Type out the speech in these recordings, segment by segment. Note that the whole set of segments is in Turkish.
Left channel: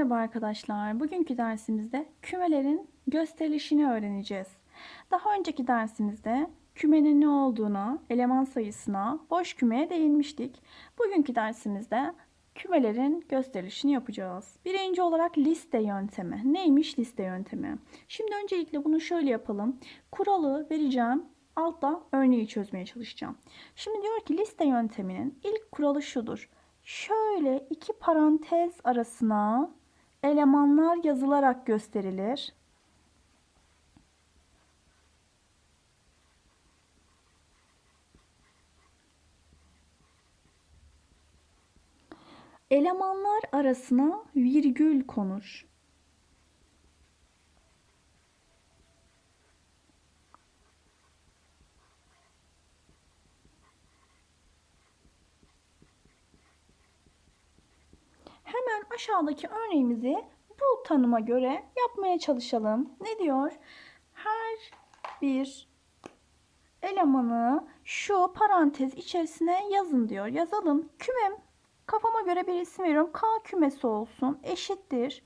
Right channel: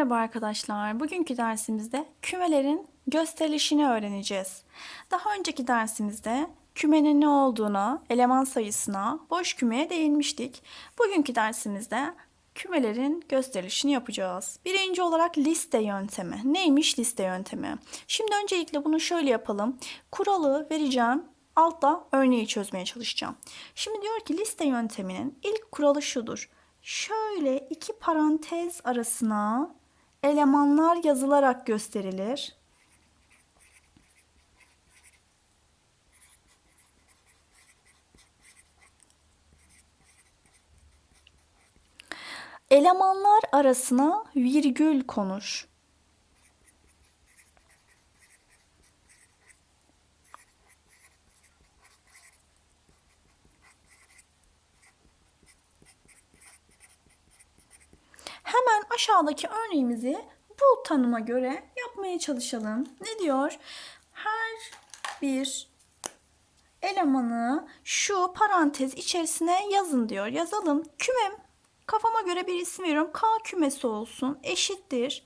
Merhaba arkadaşlar. Bugünkü dersimizde kümelerin gösterilişini öğreneceğiz. Daha önceki dersimizde kümenin ne olduğuna, eleman sayısına, boş kümeye değinmiştik. Bugünkü dersimizde kümelerin gösterilişini yapacağız. Birinci olarak liste yöntemi. Neymiş liste yöntemi? Şimdi öncelikle bunu şöyle yapalım. Kuralı vereceğim. Altta örneği çözmeye çalışacağım. Şimdi diyor ki liste yönteminin ilk kuralı şudur. Şöyle iki parantez arasına elemanlar yazılarak gösterilir. Elemanlar arasına virgül konur. Hemen aşağıdaki örneğimizi bu tanıma göre yapmaya çalışalım. Ne diyor? Her bir elemanı şu parantez içerisine yazın diyor. Yazalım. Kümem kafama göre bir isim veriyorum. K kümesi olsun. Eşittir.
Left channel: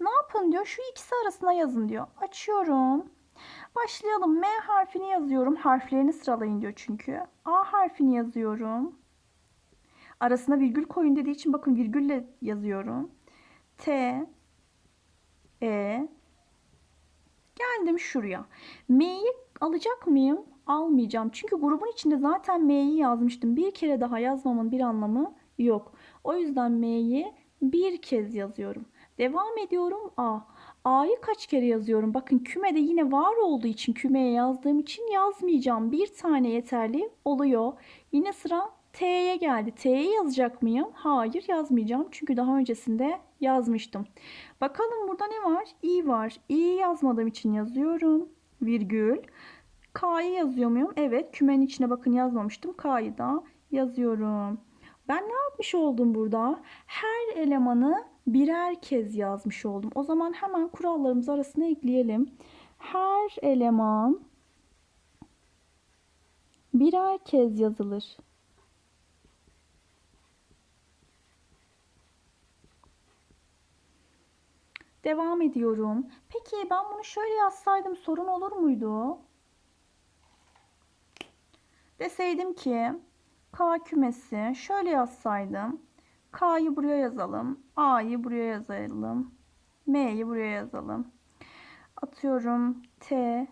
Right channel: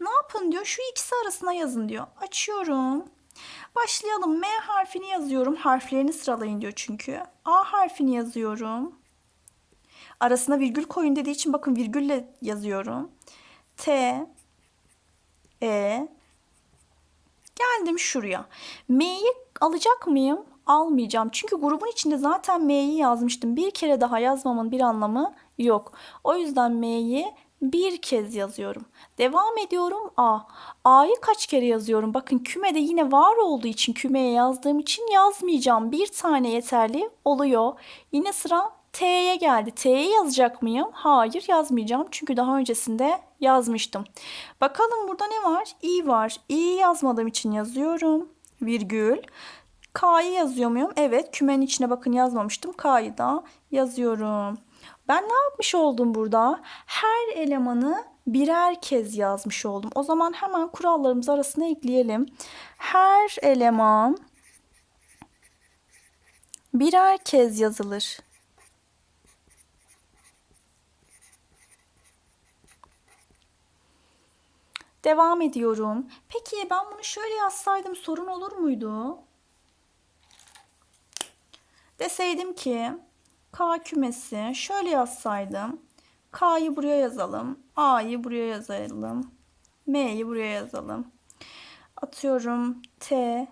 Ne yapın diyor? Şu ikisi arasına yazın diyor. Açıyorum. Başlayalım. M harfini yazıyorum. Harflerini sıralayın diyor çünkü. A harfini yazıyorum. Arasına virgül koyun dediği için bakın virgülle yazıyorum. T E Geldim şuraya. M'yi alacak mıyım? Almayacağım. Çünkü grubun içinde zaten M'yi yazmıştım. Bir kere daha yazmamın bir anlamı yok. O yüzden M'yi bir kez yazıyorum. Devam ediyorum A. A'yı kaç kere yazıyorum? Bakın kümede yine var olduğu için kümeye yazdığım için yazmayacağım. Bir tane yeterli oluyor. Yine sıra T'ye geldi. T'yi yazacak mıyım? Hayır yazmayacağım. Çünkü daha öncesinde yazmıştım. Bakalım burada ne var? İ var. İ'yi yazmadığım için yazıyorum. Virgül. K'yı yazıyor muyum? Evet. Kümenin içine bakın yazmamıştım. K'yı da yazıyorum. Ben ne yapmış oldum burada? Her elemanı birer kez yazmış oldum. O zaman hemen kurallarımız arasına ekleyelim. Her eleman birer kez yazılır. Devam ediyorum. Peki ben bunu şöyle yazsaydım sorun olur muydu? Deseydim ki K kümesi şöyle yazsaydım. K'yı buraya yazalım. A'yı buraya yazalım. M'yi buraya yazalım. Atıyorum T,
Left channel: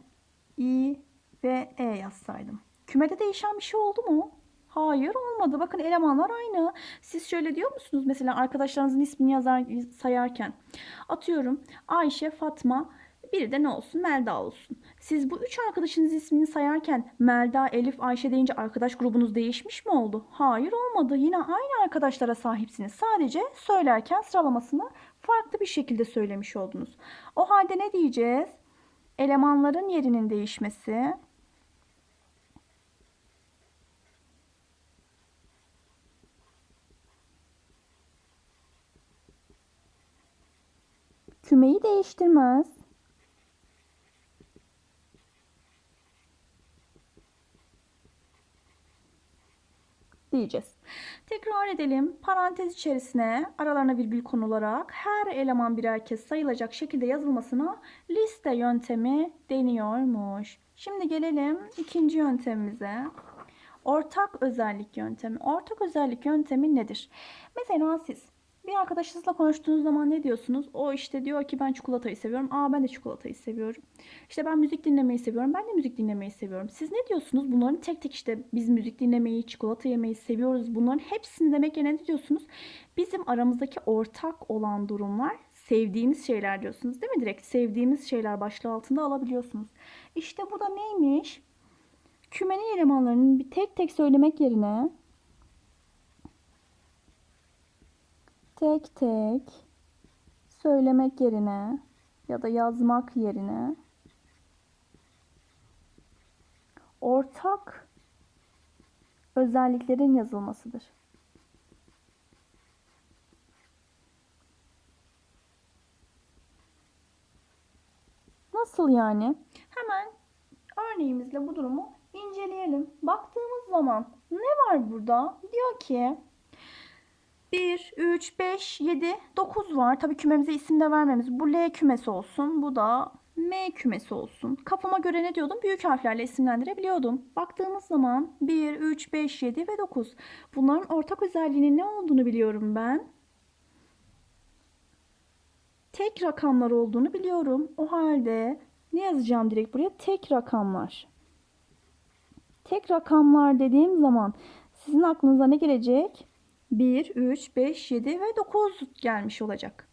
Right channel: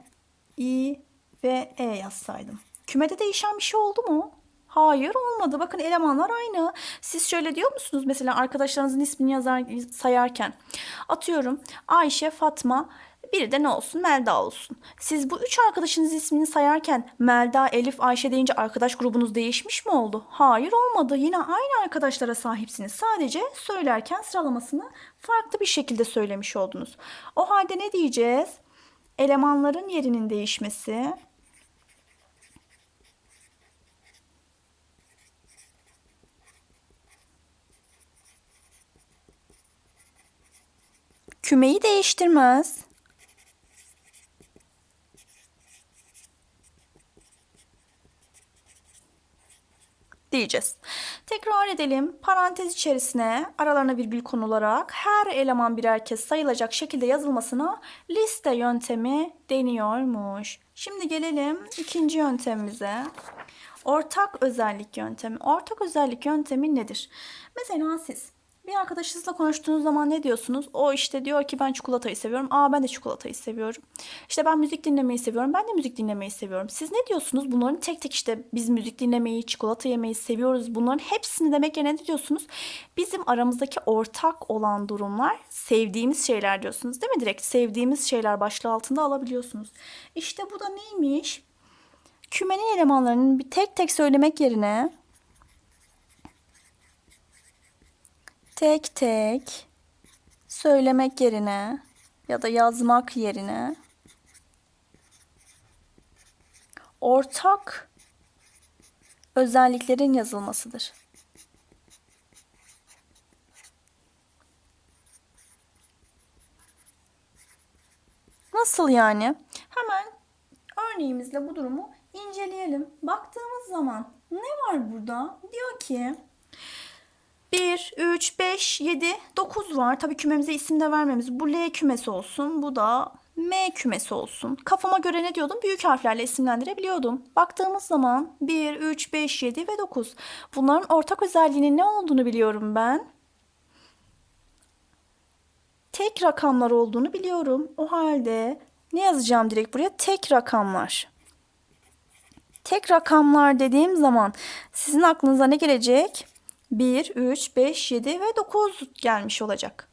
I ve E yazsaydım. Kümede değişen bir şey oldu mu? Hayır olmadı. Bakın elemanlar aynı. Siz şöyle diyor musunuz mesela arkadaşlarınızın ismini yazar sayarken? Atıyorum Ayşe, Fatma, biri de ne olsun? Melda olsun. Siz bu üç arkadaşınız ismini sayarken Melda, Elif, Ayşe deyince arkadaş grubunuz değişmiş mi oldu? Hayır olmadı. Yine aynı arkadaşlara sahipsiniz. Sadece söylerken sıralamasını farklı bir şekilde söylemiş oldunuz. O halde ne diyeceğiz? Elemanların yerinin değişmesi kümeyi değiştirmez. diyeceğiz. Tekrar edelim. Parantez içerisine aralarına virgül konularak her eleman birer kez sayılacak şekilde yazılmasına liste yöntemi deniyormuş. Şimdi gelelim ikinci yöntemimize. Ortak özellik yöntemi. Ortak özellik yöntemi nedir? Mesela siz bir arkadaşınızla konuştuğunuz zaman ne diyorsunuz? O işte diyor ki ben çikolatayı seviyorum. Aa ben de çikolatayı seviyorum. İşte ben müzik dinlemeyi seviyorum. Ben de müzik dinlemeyi seviyorum. Siz ne diyorsunuz? Bunların tek tek işte biz müzik dinlemeyi, çikolata yemeyi seviyoruz. Bunların hepsini demek yerine ne diyorsunuz? Bizim aramızdaki ortak olan durumlar sevdiğimiz şeyler diyorsunuz değil mi? Direkt sevdiğimiz şeyler başlığı altında alabiliyorsunuz. İşte bu da neymiş? Kümenin elemanlarının bir tek tek söylemek yerine tek tek söylemek yerine ya da yazmak yerine ortak özelliklerin yazılmasıdır. Nasıl yani? Hemen örneğimizle bu durumu inceleyelim. Baktığımız zaman ne var burada? Diyor ki 1, 3, 5, 7, 9 var. Tabii kümemize isim de vermemiz. Bu L kümesi olsun. Bu da M kümesi olsun. Kafama göre ne diyordum? Büyük harflerle isimlendirebiliyordum. Baktığımız zaman 1, 3, 5, 7 ve 9. Bunların ortak özelliğinin ne olduğunu biliyorum ben. Tek rakamlar olduğunu biliyorum. O halde ne yazacağım direkt buraya? Tek rakamlar. Tek rakamlar dediğim zaman sizin aklınıza ne gelecek? 1, 3, 5, 7 ve 9 gelmiş olacak.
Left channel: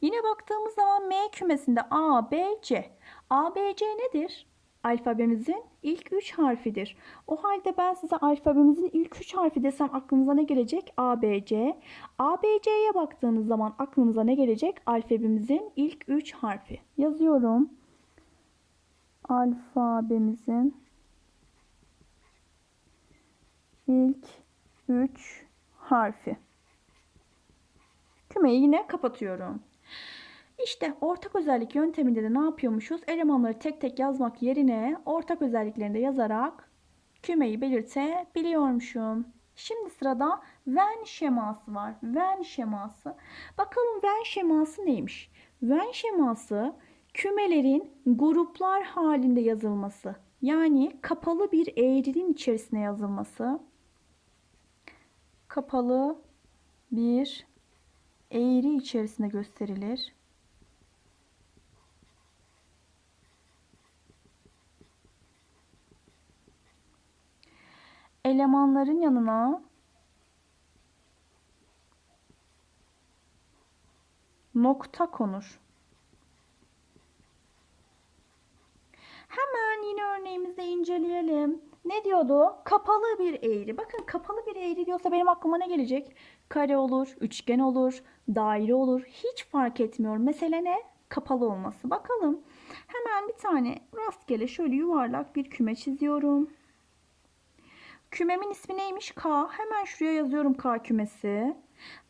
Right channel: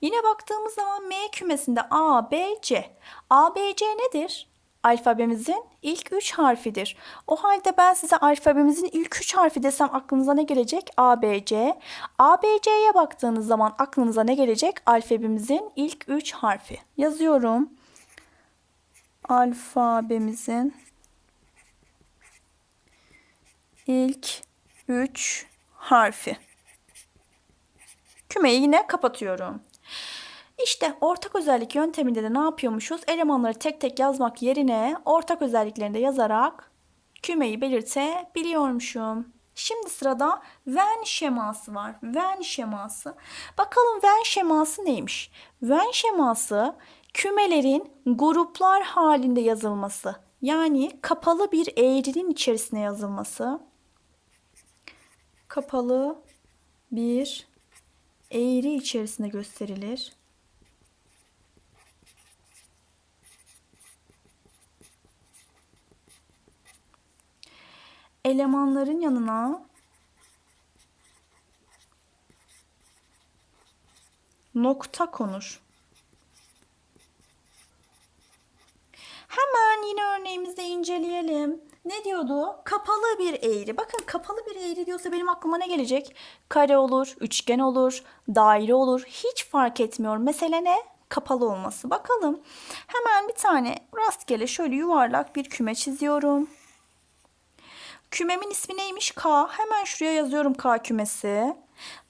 Yine baktığımız zaman M kümesinde A, B, C. A, B, C nedir? Alfabemizin ilk 3 harfidir. O halde ben size alfabemizin ilk 3 harfi desem aklınıza ne gelecek? A, B, C. A, B, C'ye baktığınız zaman aklınıza ne gelecek? Alfabemizin ilk 3 harfi. Yazıyorum. Alfabemizin ilk 3 harfi. Kümeyi yine kapatıyorum. İşte ortak özellik yönteminde de ne yapıyormuşuz? Elemanları tek tek yazmak yerine ortak özelliklerini de yazarak kümeyi belirtebiliyormuşum. Şimdi sırada Venn şeması var. Venn şeması. Bakalım Venn şeması neymiş? Venn şeması kümelerin gruplar halinde yazılması. Yani kapalı bir eğrinin içerisine yazılması. Kapalı bir eğri içerisinde gösterilir. Elemanların yanına nokta konur. Hemen yine örneğimizde inceleyelim. Ne diyordu? Kapalı bir eğri. Bakın kapalı bir eğri diyorsa benim aklıma ne gelecek? Kare olur, üçgen olur, daire olur. Hiç fark etmiyor. Mesele ne? Kapalı olması. Bakalım. Hemen bir tane rastgele şöyle yuvarlak bir küme çiziyorum. Kümemin ismi neymiş? K. Hemen şuraya yazıyorum K kümesi.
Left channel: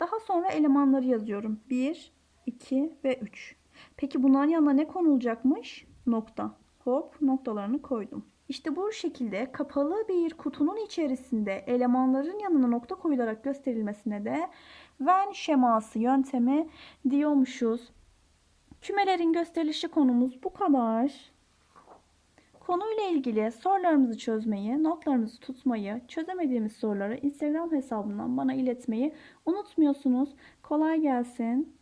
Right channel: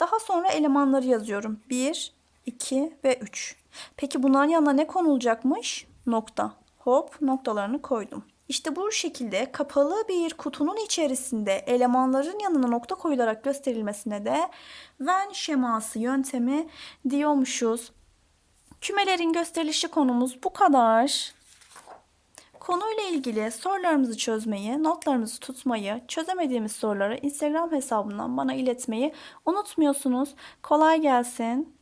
Daha sonra elemanları yazıyorum. 1, 2 ve 3. Peki bunların yanına ne konulacakmış? Nokta. Hop noktalarını koydum. İşte bu şekilde kapalı bir kutunun içerisinde elemanların yanına nokta koyularak gösterilmesine de Venn şeması yöntemi diyormuşuz. Kümelerin gösterilişi konumuz bu kadar. Konuyla ilgili sorularımızı çözmeyi, notlarımızı tutmayı, çözemediğimiz soruları Instagram hesabından bana iletmeyi unutmuyorsunuz. Kolay gelsin.